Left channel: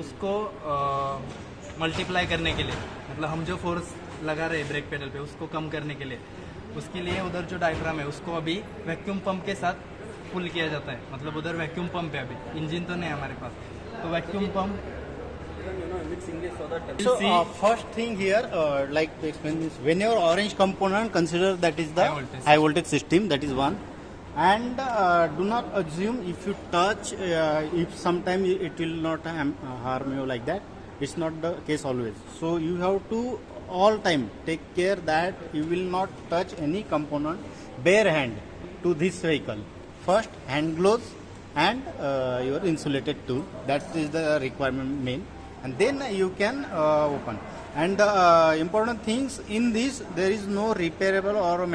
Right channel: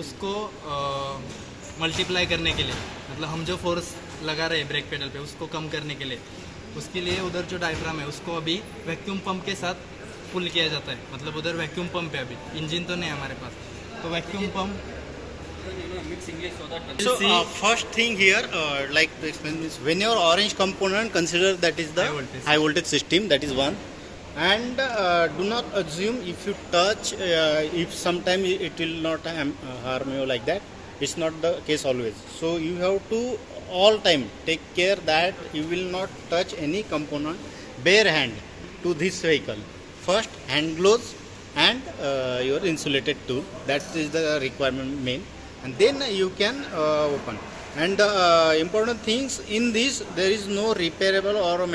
उसको मल्टीप्लाई करने के लिए, मतलब हम जो फोर्स लगा रहे हैं ब्रेक पेडल पे उसको कम करने के लिए, उसके लिए उधर जो डायफ्राम है उसको अभी वैक्यूम पंप के साथ पुल किया जाता है। मतलब उधर वैक्यूम पंप है, अभी इंजन तो नहीं है हमारे पास, तो vacuum pump. So first thing here, like to explain this, when your orange component, consider that is the high voltage system, that is one, and do not assume if you touch, if sometime it will not harm you like that. It's not the case always. So you have to all time take care that you will not touch any component bare hand to this vehicle. First hand gloves and your insulated tube. That is the requirement main. And then you can open. And important things in this, there is no repairable or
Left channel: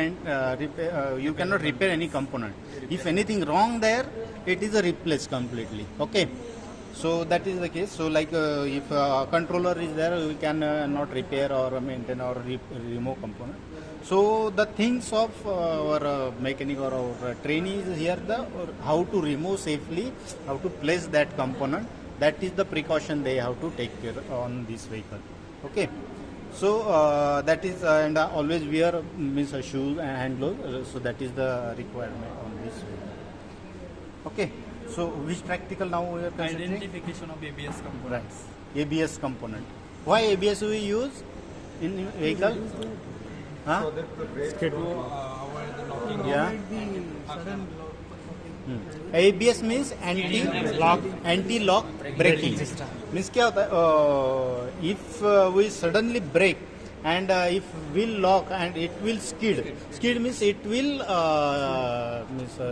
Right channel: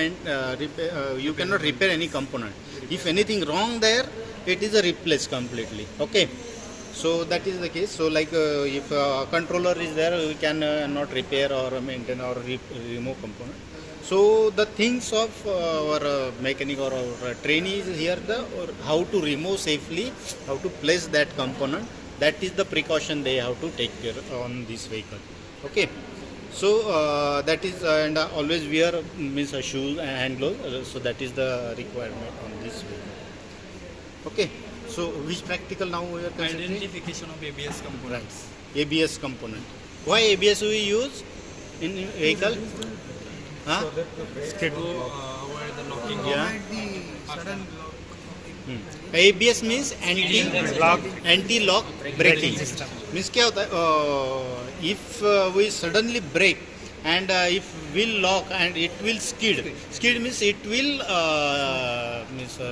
you cannot repair any component. If anything wrong there, it is a replace completely. Okay. So that is the case. So like if a controller is there, you can not repair or maintain or remove component. So the things of our mechanic or our trainee is here, how to remove safely, how to place that component. That is the precaution they have to take care on this vehicle. Okay. So that is and always wear means a shoes and hand gloves. So that is the requirement on this vehicle. Okay. So which practical now we are considering? Identification of ABS components. Right. ABS component. Why ABS we use in vehicle? Huh? To avoid the knocking. Yeah. ABS means anti-lock braking system. Means क्या होता है? If we suddenly brake and if wheel lock and it will skid. Skid means it will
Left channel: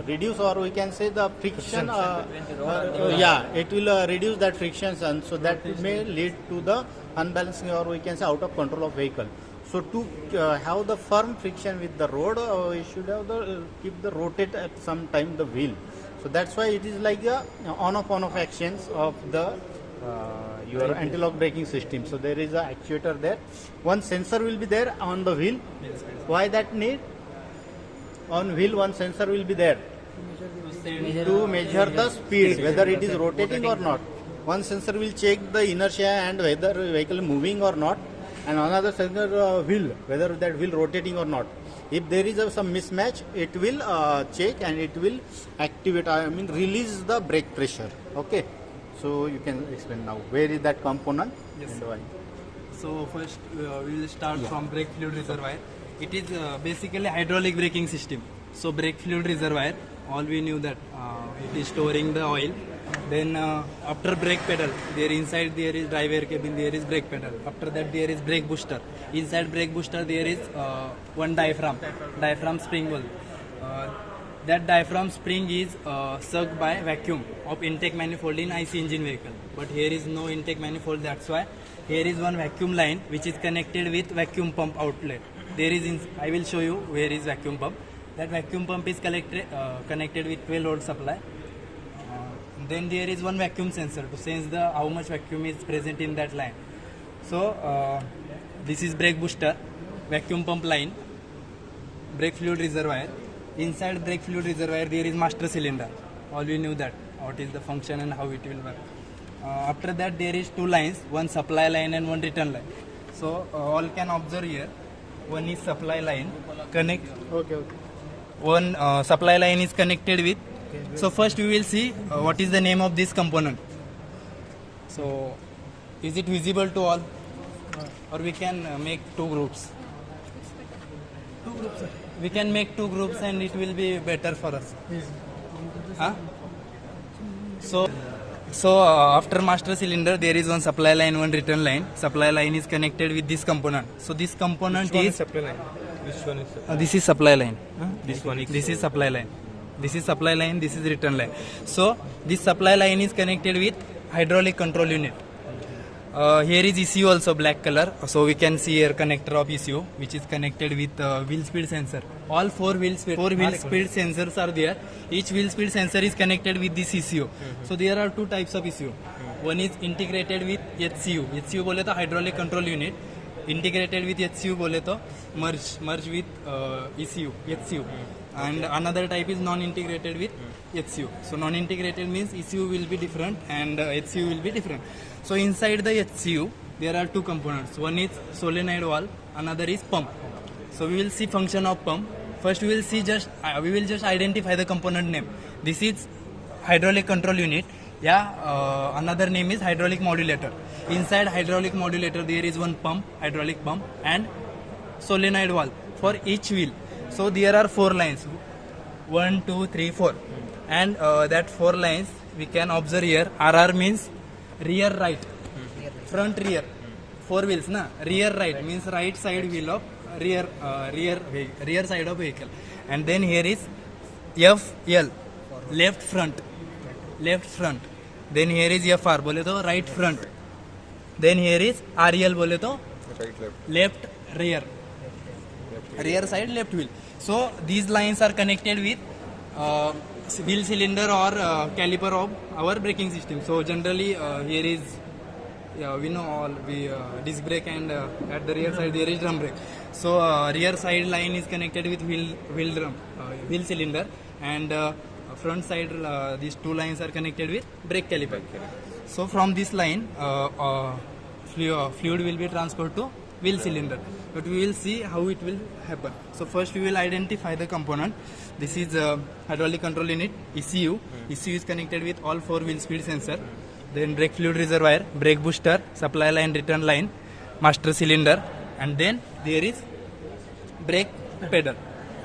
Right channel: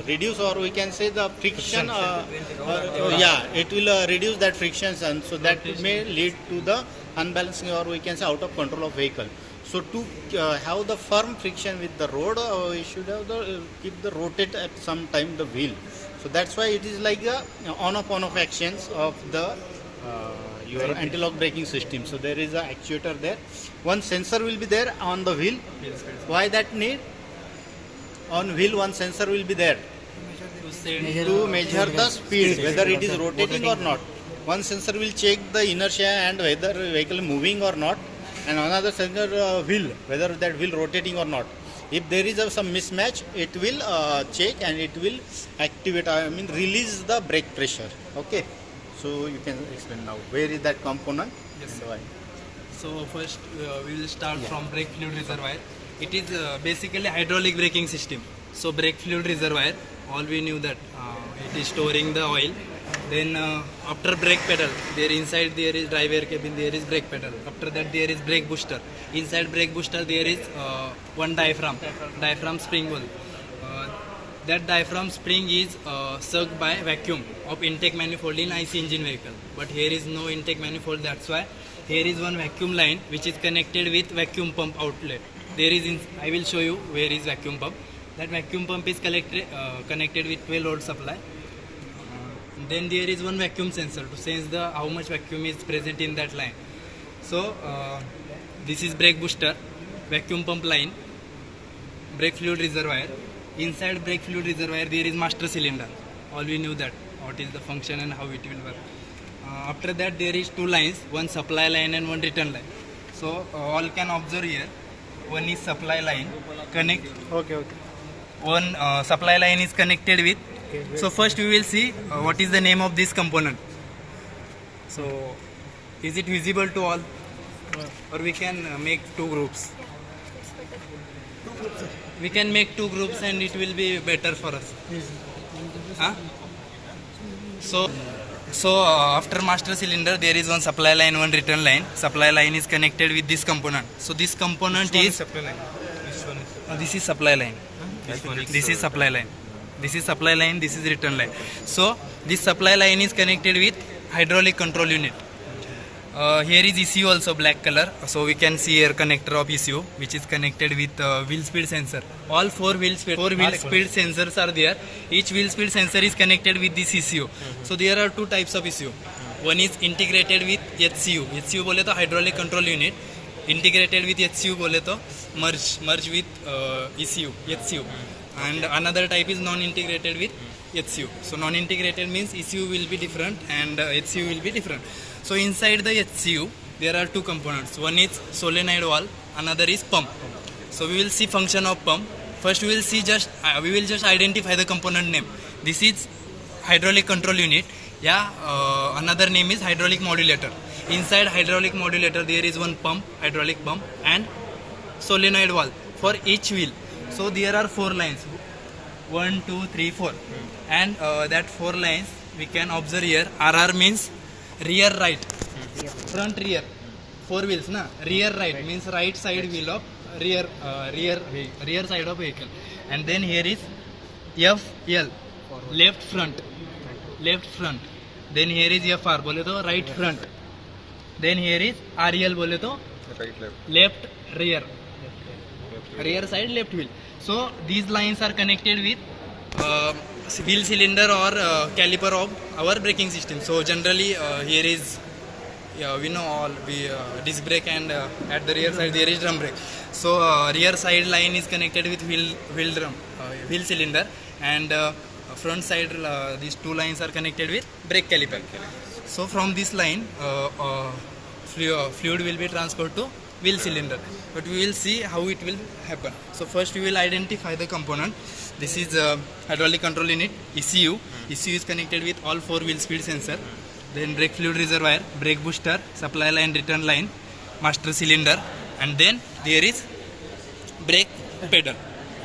reduce, or we can say the friction. Yeah, it will reduce that friction, and so that may lead to the unbalancing, or we can say out of control of vehicle. So to have the firm friction with the road, we should have keep the rotate at some time the wheel. So that's why it is like a on-off actions of the your anti-lock braking system. So there is a actuator there. One sensor will be there on the wheel. Why that need? On wheel one sensor will be there to measure the speed, whether it is rotating or not. One sensor will check the inertia and whether vehicle moving or not, and another sensor wheel, whether that wheel rotating or not. If there is some mismatch, it will check and it will activate, release the brake pressure. Okay. So you can explain now. Where is that component? Yes, sir. So first we will start from brake fluid reservoir. It is basically hydraulic braking system. So brake fluid reservoir, all we knew that it is storing the oil. Then after brake pedal, inside there is drive air cabin, there is brake pedal. After that there is brake booster. Inside brake booster there is one diaphragm spring ball. That diaphragm spring is sucked by vacuum of intake manifold in IC engine vehicle. But here is no intake manifold, that's why here is one vacuum line which is connected with vacuum pump outlet. There is, I will show you where is vacuum pump. That vacuum pump is connected with 12 volt supply. Then there is one vacuum sensor to sense the how much vacuum is present in that line. So this is brake booster, vacuum pump line, brake fluid reservoir. Inside brake fluid reservoir there is master cylinder. All we knew that what is the function and how it will work. After that there is two lines, one supply line and one return line. So all can observe here. One is supply line connect. Okay. One supply line is connected with. So first we will see what is the name of this component. So is it visible to all, or we can make two groups? We can make two groups and it will be better for us. Huh? So after master cylinder there is one supply line, one return line. Supply line is connected with this component. So this component is supply line. This one is this is supply line. This is so- supply line. This is supply line, this is return line. So this supply line is connected with hydraulic control unit. Here is ECU also black color. So we can see here connector of ECU which is connected with wheel speed sensor. All four wheel speed sensors are there. Each wheel speed sensor is connected with this ECU. So there are two types of ECU. One is integrated with HCU. HCU बोले तो hydraulic control unit. Integrated with HCU बोले तो merge with ECU, HCU. And another type is non-integrated with HCU. So non-integrated means ECU will be different and HCU will be different. So inside the HCU there are two components. One is solenoid valve, another is pump. So we will see function of pump. First we will see we will just identify the component name. This is hydraulic control unit. Another name is hydraulic modulator. Inside hydraulic modulator there is one pump, hydraulic pump, and solenoid valve for each wheel. So there are 4 lines, 1, 2, 3, 4, and that 4 lines we can observe here. RR means rear right, front rear, 4 wheels na. Rear right means right side wheel of rear side of vehicle, and then here is FL, left front. Then here is FR, बोले तो right front. Then here is RL, बोले तो left rear side left wheel. So these lines are connected with wheel cylinder or caliper of our braking system. So generally here is we know all disc brake, and at the rear side there is drum brake. So rear side line is connected with wheel cylinder, and front side these 2 lines are connected with brake caliper. So from this line fluid will be transferred to wheel cylinder, but we will see how it will happen. So first we will identify the component. This is hydraulic control unit, ECU. ECU is connected with all 4 wheel speed sensor. Then brake fluid reservoir, brake booster, supply line, return line, master cylinder, and then there is brake pedal.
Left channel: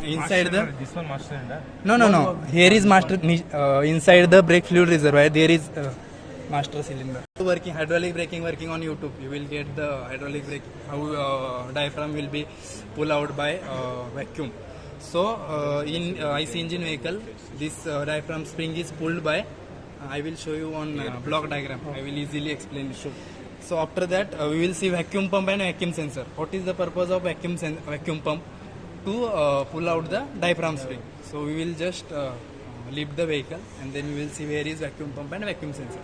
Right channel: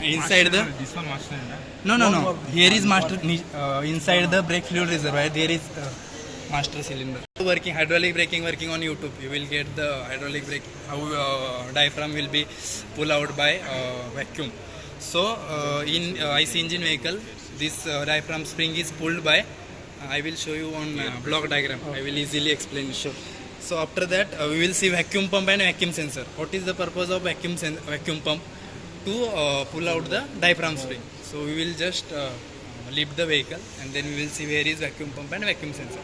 Inside the This one master cylinder. no. Here is master. Inside the brake fluid reservoir there is master cylinder. Working hydraulic braking working on YouTube. You will get the hydraulic brake, how diaphragm will be pulled out by vacuum. So in IC engine vehicle, this diaphragm spring is pulled by. I will show you on block diagram. I will easily explain. Sure. So after that we will see vacuum pump and vacuum sensor. What is the purpose of vacuum pump? To pull out the diaphragm spring. So we will just leave the vehicle, and then we will see where is vacuum pump and vacuum sensor.